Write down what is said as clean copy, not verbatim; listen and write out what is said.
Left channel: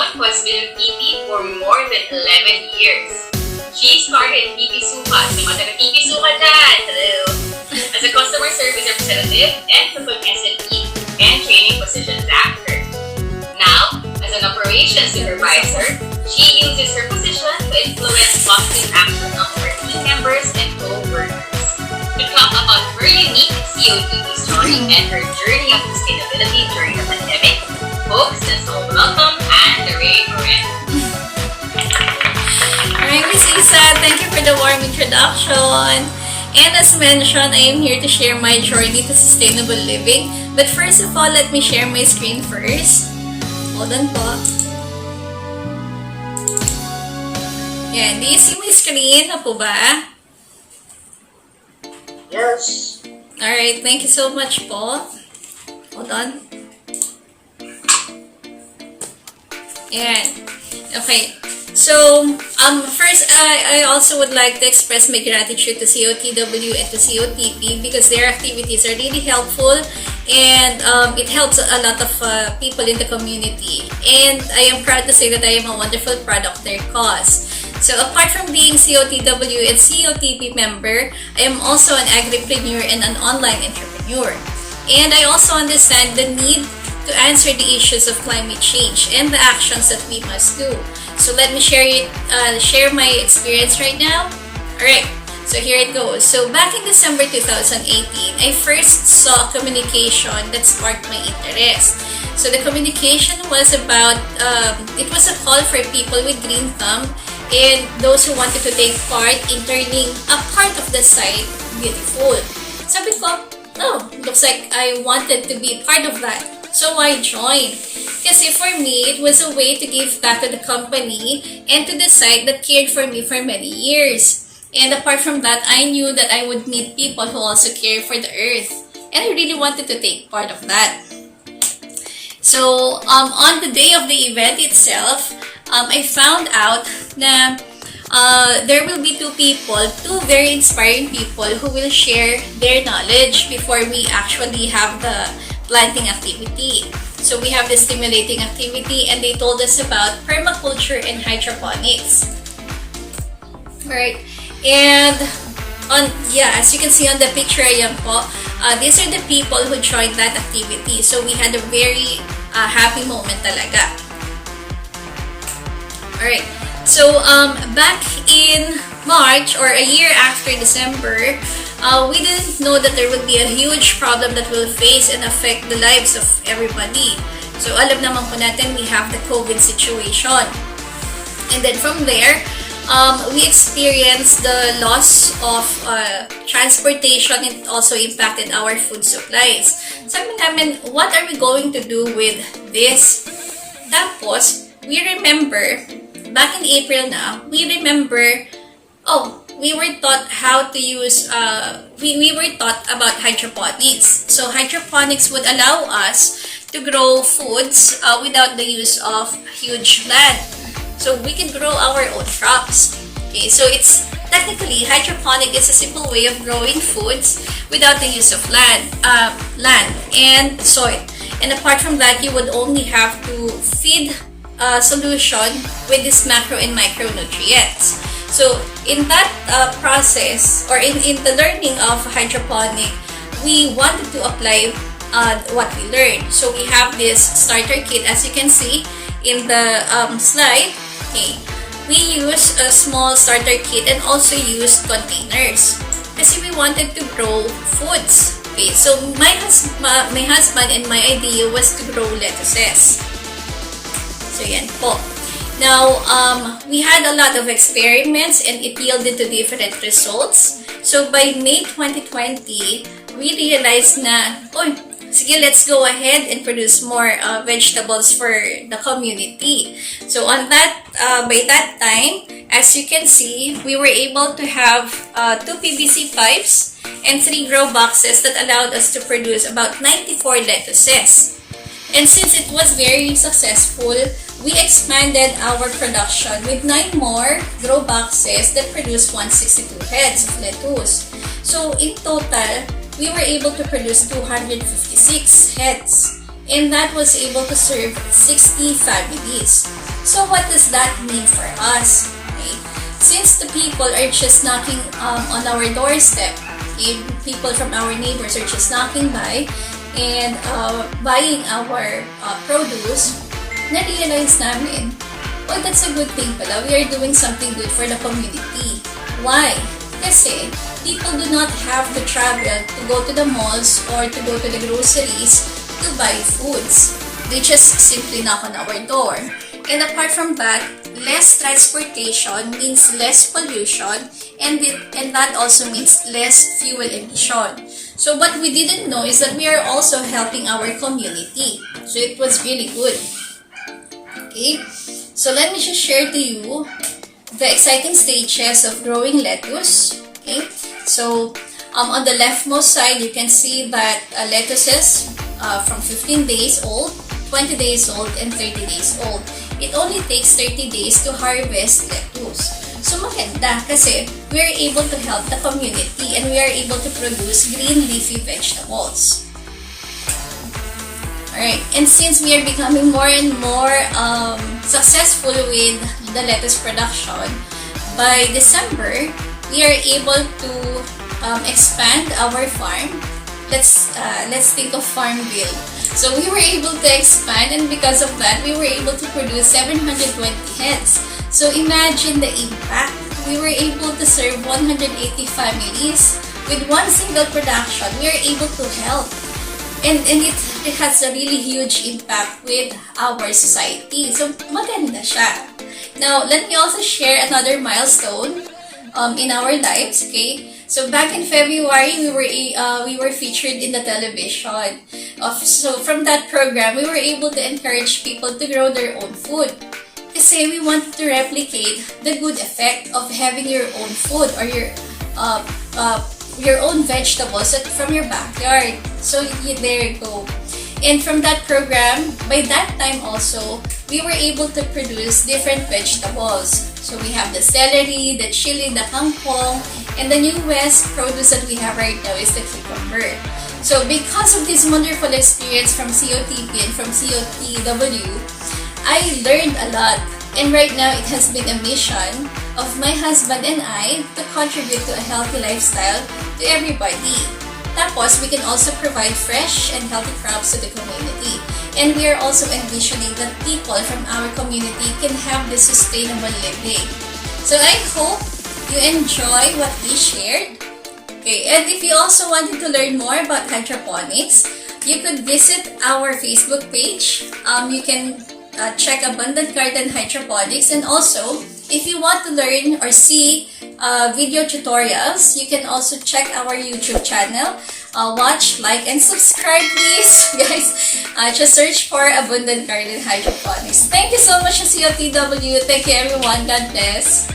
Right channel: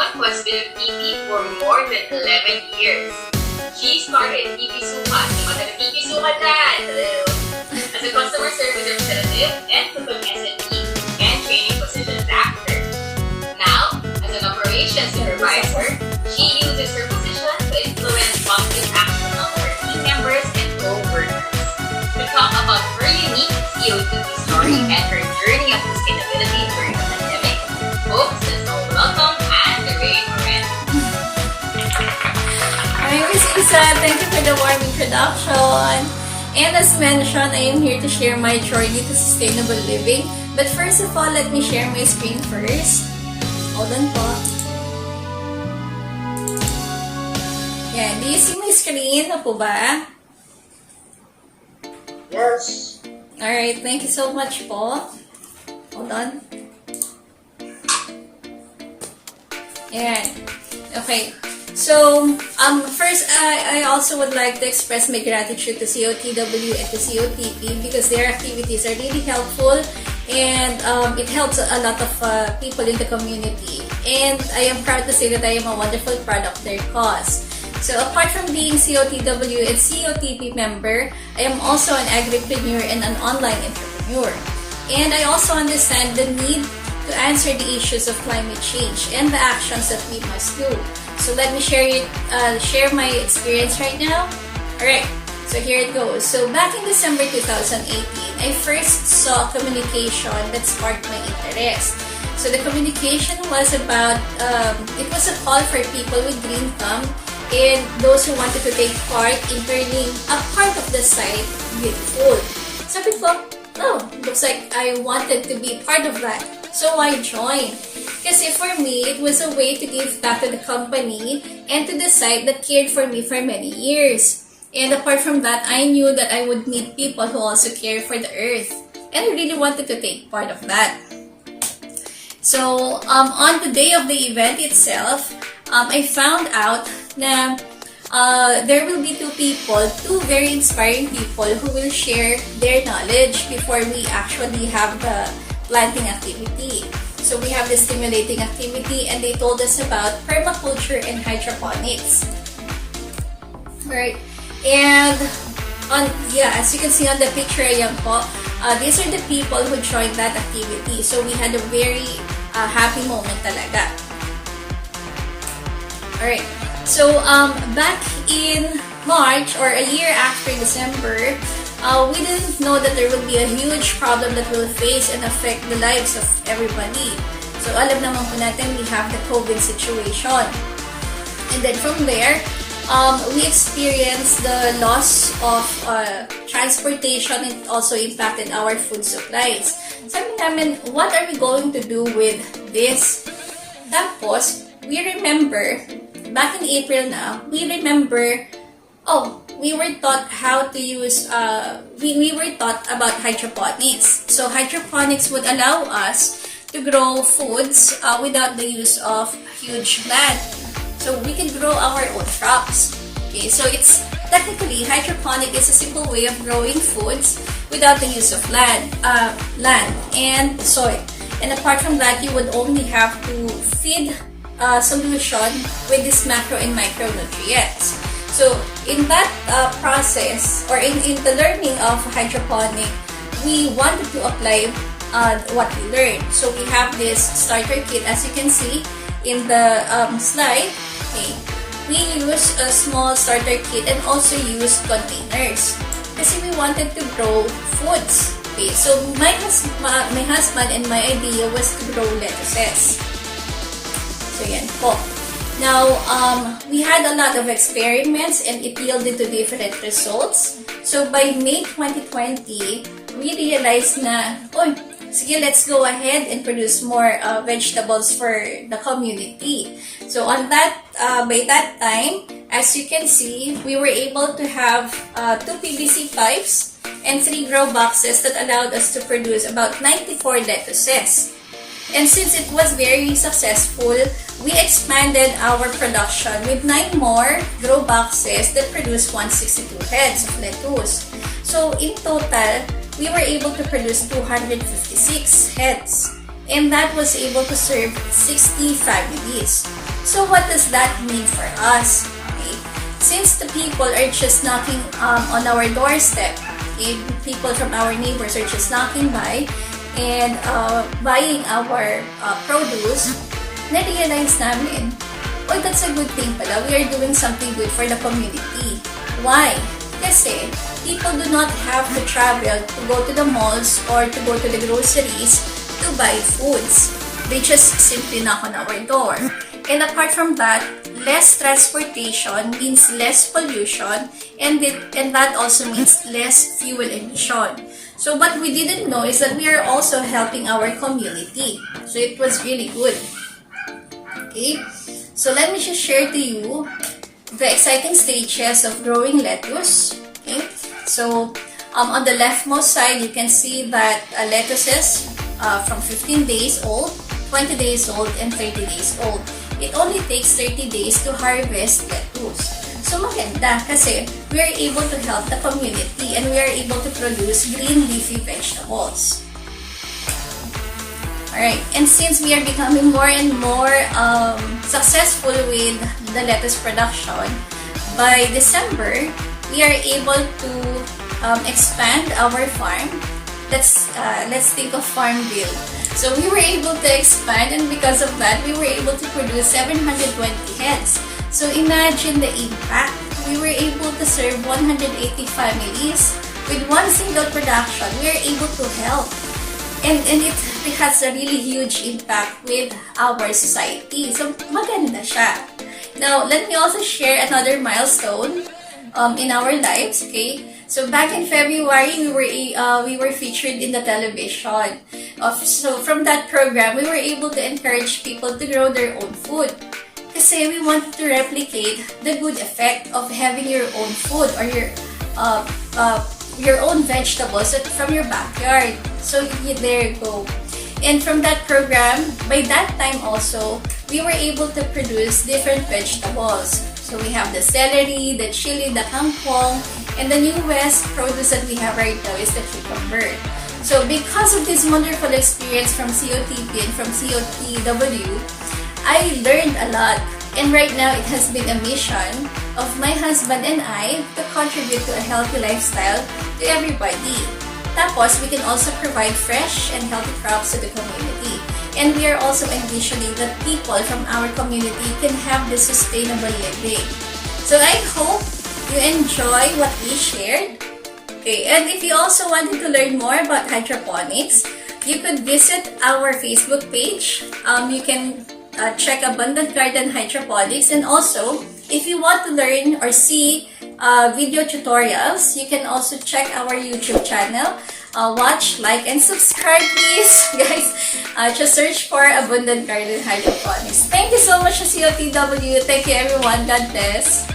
someone who has been with TP for more than 11 years. She started TP Sukat, sa mga taga-TP Sukat dyan, hello, as a customer service representative and took an SME and training positions after. Now, as an operations supervisor, she uses her position to influence positive action of her team members and co-workers. To talk about her unique COTP story and her journey of sustainability during the pandemic, folks, let's all welcome and Ray Moran. Hi, Miss Isa. Thank you for the warm introduction. And as mentioned, I am here to share my journey to sustainable living. But first of all, let me share my screen first. Hold on po. Yan. Do you see my screen? Na po ba? Yes. Alright. Thank you so much po. Hold on. Yan. Okay. So, first, I also would like to express my gratitude to COTW and to COTP because their activities are really helpful and it helps a lot of people in the community. And I am proud to say that I am a wonderful product of their cause. So, apart from being COTW and COTP member, I am also an agripreneur and an online entrepreneur. And I also understand the need to answer the issues of climate change and the actions that we must do. So let me share my experience right now. Alright, so here it goes. So back in December 2018, I first saw communication that sparked my interest. So the communication was about, it was a call for people with green thumb and those who wanted to take part in turning a part of the site beautiful. Sabi ko, oh, looks like I wanted to be part of that. So I joined. Kasi for me, it was a way to give back to the company and to the site that cared for me for many years. And apart from that, I knew that I would meet people who also care for the earth. And I really wanted to take part of that. So, on the day of the event itself, I found out na there will be two very inspiring people who will share their knowledge before we actually have the planting activity. So we have the stimulating activity and they told us about permaculture and hydroponics. Right. And as you can see on the picture, ayan po, these are the people who joined that activity. So we had a very happy moment talaga. Alright. So back in March or a year after December, we didn't know that there would be a huge problem that will face and affect the lives of everybody. So, alam naman po natin, we have the COVID situation. And then from there, we experienced the loss of transportation. It also impacted our food supplies. Sabi namin, what are we going to do with this? Tapos, we remember, back in April na, we were taught how to use, we were taught about hydroponics. So hydroponics would allow us to grow foods without the use of huge land. So we can grow our own crops. Okay, so it's technically hydroponic is a simple way of growing foods without the use of land and soil. And apart from that, you would only have to feed a solution with this macro and micronutrients. So, in that process, or in the learning of hydroponic, we wanted to apply what we learned. So, we have this starter kit, as you can see in the slide. Okay. We use a small starter kit and also use containers. Kasi we wanted to grow foods. Okay. So, my husband and my idea was to grow lettuces. So, yan po. Now, we had a lot of experiments and it yielded to different results. So, by May 2020, we realized na, sige, let's go ahead and produce more vegetables for the community. So, by that time, as you can see, we were able to have 2 PVC pipes and 3 grow boxes that allowed us to produce about 94 lettuces. And since it was very successful, we expanded our production with 9 more grow boxes that produced 162 heads of lettuce. So in total, we were able to produce 256 heads. And that was able to serve 60 families. So what does that mean for us? Okay? Since the people are just knocking on our doorstep, okay? People from our neighbors are just knocking by and buying our produce, na-realize namin, oh, that's a good thing pala. We are doing something good for the community. Why? Kasi people do not have to travel to go to the malls or to go to the groceries to buy foods. They just simply knock on our door. And apart from that, less transportation means less pollution, and that also means less fuel emission. So what we didn't know is that we are also helping our community. So it was really good. Okay, so let me just share to you the exciting stages of growing lettuce. Okay, so on the leftmost side, you can see that lettuces from 15 days old, 20 days old, and 30 days old. It only takes 30 days to harvest lettuce. So maganda kasi we are able to help the community and we are able to produce green leafy vegetables. Alright, and since we are becoming more and more successful with the lettuce production, by December, we are able to expand our farm. Let's think of farm bill. So we were able to expand, and because of that, we were able to produce 720 heads. So imagine the impact. We were able to serve 180 families with one single production. We were able to help, and it has a really huge impact with our society. So maganda siya. Now let me also share another milestone in our lives. Okay. So back in February, we were featured in the television. So from that program, we were able to encourage people to grow their own food. Kasi we wanted to replicate the good effect of having your own food or your own vegetables from your backyard. So there you go. And from that program, by that time also, we were able to produce different vegetables. So we have the celery, the chili, the kangkong, and the newest produce that we have right now is the cucumber. So because of this wonderful experience from COTP and from COTW, I learned a lot. And right now, it has been a mission of my husband and I to contribute to a healthy lifestyle to everybody. Tapos, we can also provide fresh and healthy crops to the community. And we are also envisioning that people from our community can have this sustainable living. So I hope you enjoy what we shared. Okay, and if you also wanted to learn more about hydroponics, you could visit our Facebook page. You can check Abundant Garden Hydroponics, and also if you want to learn or see video tutorials, you can also check our YouTube channel. Watch, like, and subscribe, please, guys. Just search for Abundant Garden Hydroponics. Thank you so much, COTW. Thank you, everyone. God bless.